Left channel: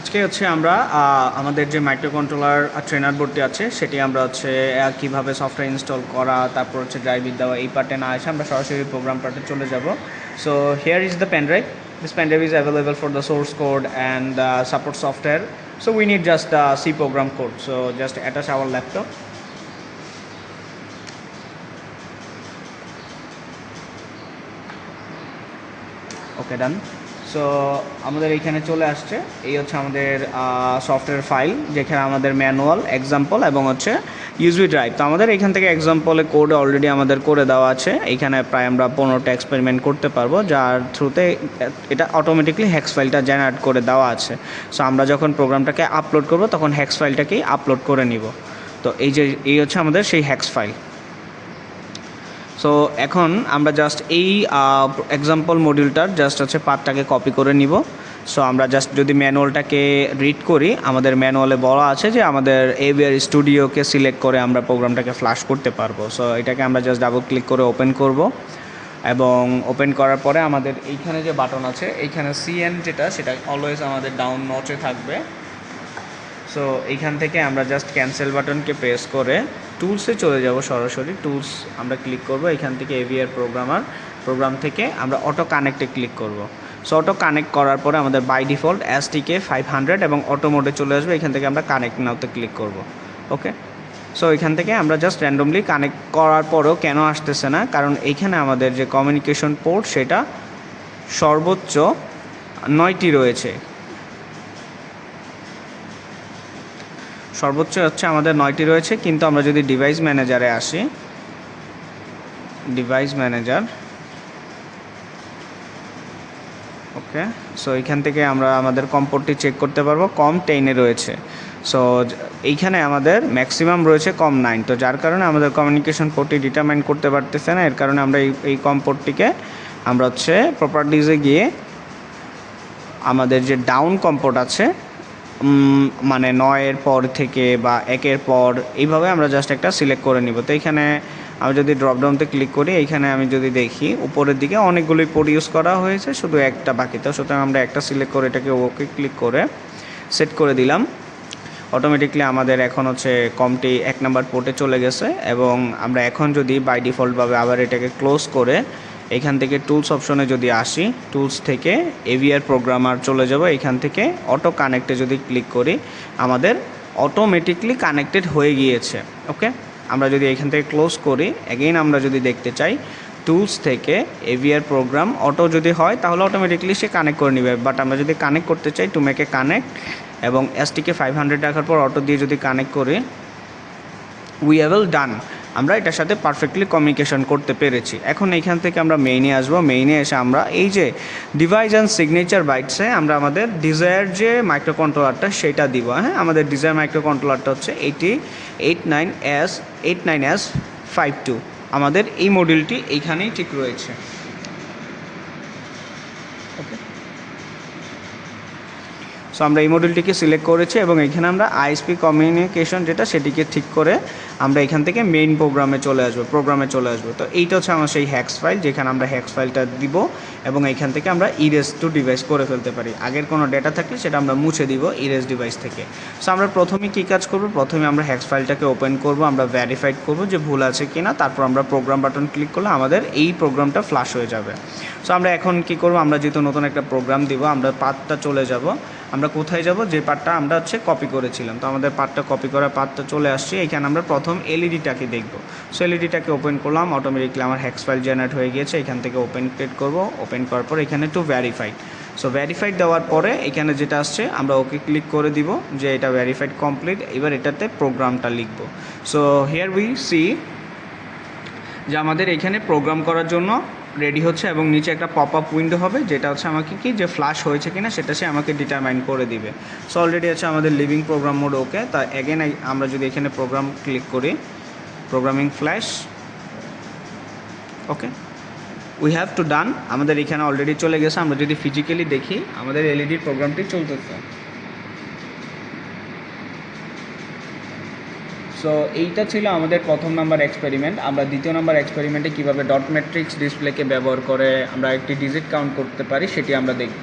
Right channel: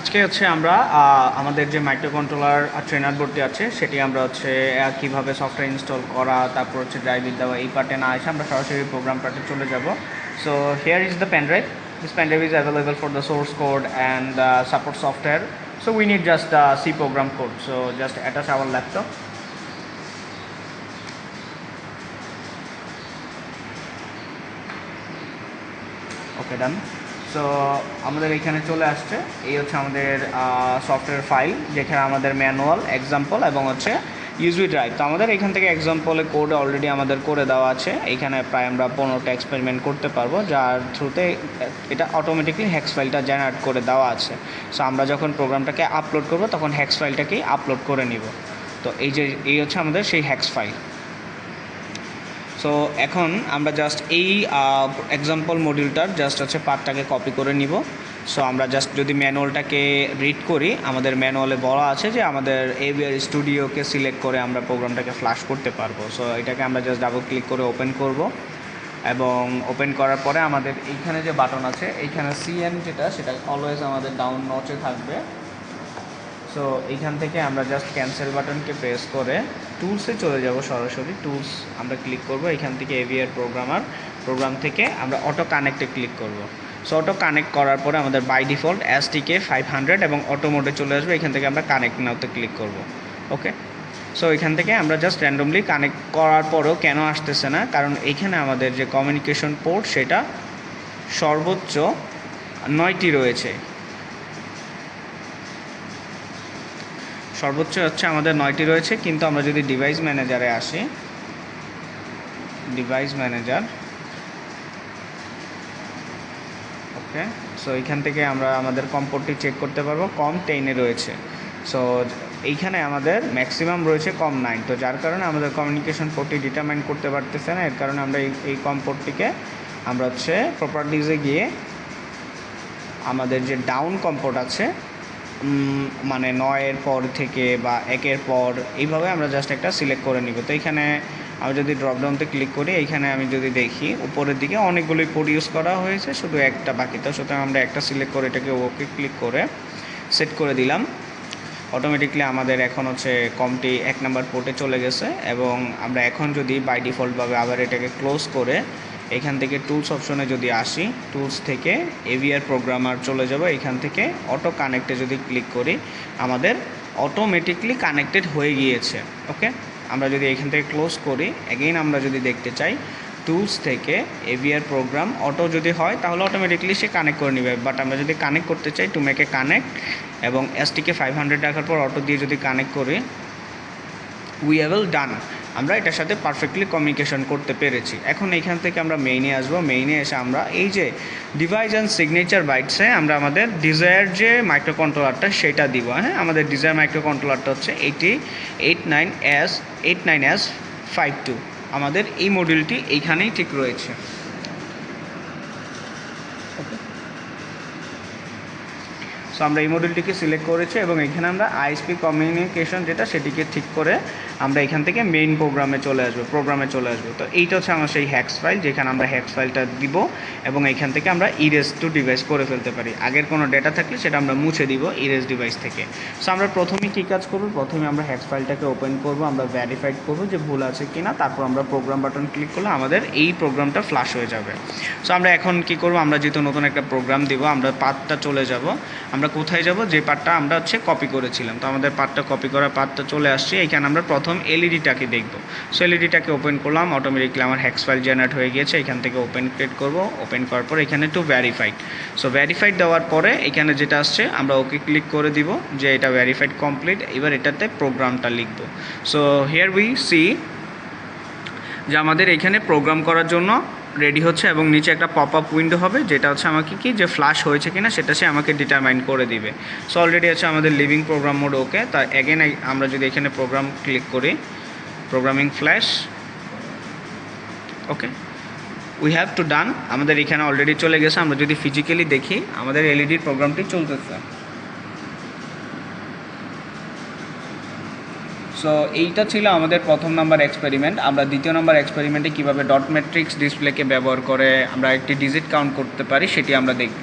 আজকে হচ্ছে আমরা আমাদের যে মাইক্রোকন্ট্রোলার ট্রেনার বোর্ডটি আছে সেটি আমরা হচ্ছে কীভাবে সফটওয়্যার ইনস্টল করা, তারপর হচ্ছে ড্রাইভিং দেওয়া, এই পার্টে না এসে আমরা সরাসরি প্রোগ্রাম পার্টে চলে যাব। So here is the pen drive. This pen drive is available for the source code and support software. So we need just C program code. So just attach our laptop. Okay, done. So আমাদের এইখানে চলে আসছে, এই হচ্ছে আমাদের software file, যেখানে আমাদের manual, example এবং হচ্ছে ইউএসবি ড্রাইভ। তো আমাদের এখান থেকে এক্সাম্পলে কোড অলরেডি আমাদের করে দেওয়া আছে। এইখানে প্রায় আমরা 15টা এক্সপেরিমেন্ট করতে পারবো, যার থ্রুতে এটা অটোমেটিকলি হেক্স ফাইলটা জেনারেট করে দেওয়া আছে। সো আমরা যখন প্রোগ্রামটাকে আপলোড করব তখন হেক্স ফাইলটাকেই আপলোড করে নিব। তো এই হচ্ছে আমাদের সেই হেক্স ফাইল। সো এখন আমরা জাস্ট এই এক্সাম্পল মডিউলটার জাস্ট হচ্ছে পার্টটাকে কপি করে নিব। সো আমরা জাস্ট যদি ম্যানুয়ালটাকে রিড করি, আমাদের ম্যানুয়ালে বলা আছে যে আমাদের এভিআর স্টুডিওকে সিলেক্ট করে আমরা প্রোগ্রামটাকে ফ্ল্যাশ করতে পারবো। সো এটাকে আমরা জাস্ট ডাবল ক্লিক করে ওপেন করব, এবং ওপেন করার পরে আমাদের এইখানে যে বাটন আছে, এইখানে সিএন যেটা, সেটা অলওয়েজ আমাদের ডাউন নচে থাকবে। সো এইখান থেকে আমরা জাস্ট ক্যান্সেল বাটনকে প্রেস করে টুলসে চলে যাব। সরাসরি টুলস আমরা ক্লিক করব, এখান থেকে এভিআর প্রোগ্রাম থেকে আমরা অটো কানেক্টে ক্লিক করব। সো অটো কানেক্ট করার পরে আমাদের বাই ডিফল্ট STK 500 এবং অটো মোডে চলে আসবে। এখান থেকে আমরা কানেক্ট নাওতে ক্লিক করব। ওকে, সো এখান থেকে আমরা জাস্ট র্যান্ডমলি কানেক্ট করার পরেও কেন আসতেছে না, কারণ এইখানে আমাদের যে কমিউনিকেশন পোর্ট সেটা সর্বোচ্চ 9টি রয়েছে। সর্বোচ্চ হচ্ছে আমাদের 9টি রয়েছে, কিন্তু আমরা যদি ডিভাইস ম্যানেজারে আসি, ডিভাইস ম্যানেজার, ওকে, সো এইখান থেকে আমরা আমাদের কম পোর্টটি চেক করতে পারবো, কম 10-এ রয়েছে। সো এইখানে আমাদের ম্যাক্সিমাম রয়েছে কম 9, তো যার কারণে আমাদের কমিউনিকেশন পোর্টটি ডিটারমাইন করতে পারতেছে না। এর কারণে আমরা এই কম পোর্টটিকে আমরা হচ্ছে প্রপার্টিজে গিয়ে আমাদের যে ডাউন কম পোর্ট আছে, মানে 9-এর পর থেকে বা 1-এর পর, এইভাবে আমরা জাস্ট একটা সিলেক্ট করে নিব। তো এইখানে আমি যদি ড্রপডাউনতে ক্লিক করি, এইখানে আমি যদি দেখি উপরের দিকে অনেকগুলোই পোর্ট ইউজ করা হয়েছে, শুধু একটা বাকি। তো সুতরাং আমরা একটা সিলেক্ট করে এটাকে ওকে ক্লিক করে সেট করে দিলাম। অটোমেটিকলি আমাদের এখন হচ্ছে কমটি 1 নাম্বার পোর্টে চলে গেছে, এবং আমরা এখন যদি বাই ডিফল্টভাবে আবার এটাকে ক্লোজ করে এখান থেকে টুলস অপশনে যদি আসি, টুলস থেকে এভিআর প্রোগ্রামার চলে যাব। এখান থেকে অটো কানেক্টে যদি ক্লিক করি, আমাদের অটোমেটিকলি কানেক্টেড হয়ে গিয়েছে। ওকে, আমরা যদি এখান থেকে ক্লোজ করি, অ্যাগেইন আমরা যদি দেখতে চাই টুলস থেকে এভিআর প্রোগ্রাম অটো যদি হয় তাহলে অটোমেটিকলি সে কানেক্ট করে নেবে। বাট আমরা যদি কানেক্ট করতে চাই, টু মেক এ কানেক্ট, এবং STK 500 রাখার পর অটো দিয়ে যদি কানেক্ট করি, উই হ্যাভ ডান, আমরা এটার সাথে পারফেক্টলি কমিউনিকেশন করতে পেরেছি। এখন এইখান থেকে আমরা মেইনে আসবো। মেইনে এসে আমরা এই যে ডিভাইস অ্যান্ড সিগনেচার বাইটসে আমরা আমাদের ডিজায়ার যে মাইক্রোকন্ট্রোলারটা সেটা দিব। হ্যাঁ, আমাদের ডিজায়ার মাইক্রোকন্ট্রোলারটা হচ্ছে 89S52। আমাদের এই মডিউলটি এইখানেই ঠিক রয়েছে। ওকে, সো আমরা এই মডিউলটিকে সিলেক্ট করেছি, এবং এখানে আমরা ISP কমিউনিকেশন যেটা, সেটিকে ঠিক করে আমরা এখান থেকে মেইন প্রোগ্রামে চলে আসবো। তো এইটা হচ্ছে আমার সেই হ্যাক্স ফাইল, যেখানে আমরা হ্যাক্স ফাইলটা দিব, এবং এইখান থেকে আমরা ইরেজ টু ডিভাইস করে ফেলতে পারি। আগের কোনো ডেটা থাকলে সেটা আমরা মুছে দিব ইরেজ ডিভাইস থেকে। সো আমরা প্রথমেই কী কাজ করব, প্রথমে আমরা হ্যাক্স ফাইলটাকে ওপেন করব, আমরা ভেরিফাইড করব যে ভুল আছে কি না, তারপর আমরা প্রোগ্রাম বাটন ক্লিক করলে আমাদের এই প্রোগ্রামটা ফ্ল্যাশ হয়ে যাবে। সো আমরা এখন কী করব, আমরা যেহেতু নতুন একটা প্রোগ্রাম দিব, আমরা পাথটা চলে যাব। আমরা কোথায় যাব, যে পার্টটা আমরা হচ্ছে কপি করেছিলাম। তো আমাদের পার্টটা কপি করা পার্টটা চলে আসছে। এখানে আমরা প্রথম এলইডিটাকে দেখব। সো এলইডিটাকে ওপেন করলাম, অটোমেটিকলি আমার হ্যাক্স ফাইল জেনারেট হয়ে গিয়েছে। এখান থেকে ওপেন ক্লিক করব, ওপেন করার পর এখানে টু ভেরিফাইড। সো ভেরিফাইড দেওয়ার পরে এখানে যেটা আসছে আমরা ওকে ক্লিক করে দিব যে এটা ভেরিফাইড কমপ্লিট। এবার এটাতে প্রোগ্রামটা লিখব। সো হিয়ার উই সি যে আমাদের এখানে প্রোগ্রাম করার জন্য রেডি হচ্ছে, এবং নিচে একটা পপ আপ উইন্ডো হবে, যেটা হচ্ছে আমাকে কি যে ফ্ল্যাশ হয়েছে কিনা সেটা সে আমাকে ডিটারমাইন করে দিবে। সো অলরেডি আছে আমাদের লিভিং প্রোগ্রাম মোড ওকে। তা অ্যাগেন আমরা যদি এখানে প্রোগ্রাম ক্লিক করি, programming flash, okay, we have to done, আমাদের এখানে অলরেডি চলে গেছে। আমরা যদি ফিজিক্যালি দেখি, আমাদের এলইডির প্রোগ্রামটি চলতেছে। সো এইটা ছিল আমাদের প্রথম নাম্বার এক্সপেরিমেন্ট। আমরা দ্বিতীয় নাম্বার এক্সপেরিমেন্টে কীভাবে ডট ম্যাট্রিক্স ডিসপ্লেকে ব্যবহার করে আমরা একটি ডিজিট কাউন্ট করতে পারি সেটি আমরা দেখব।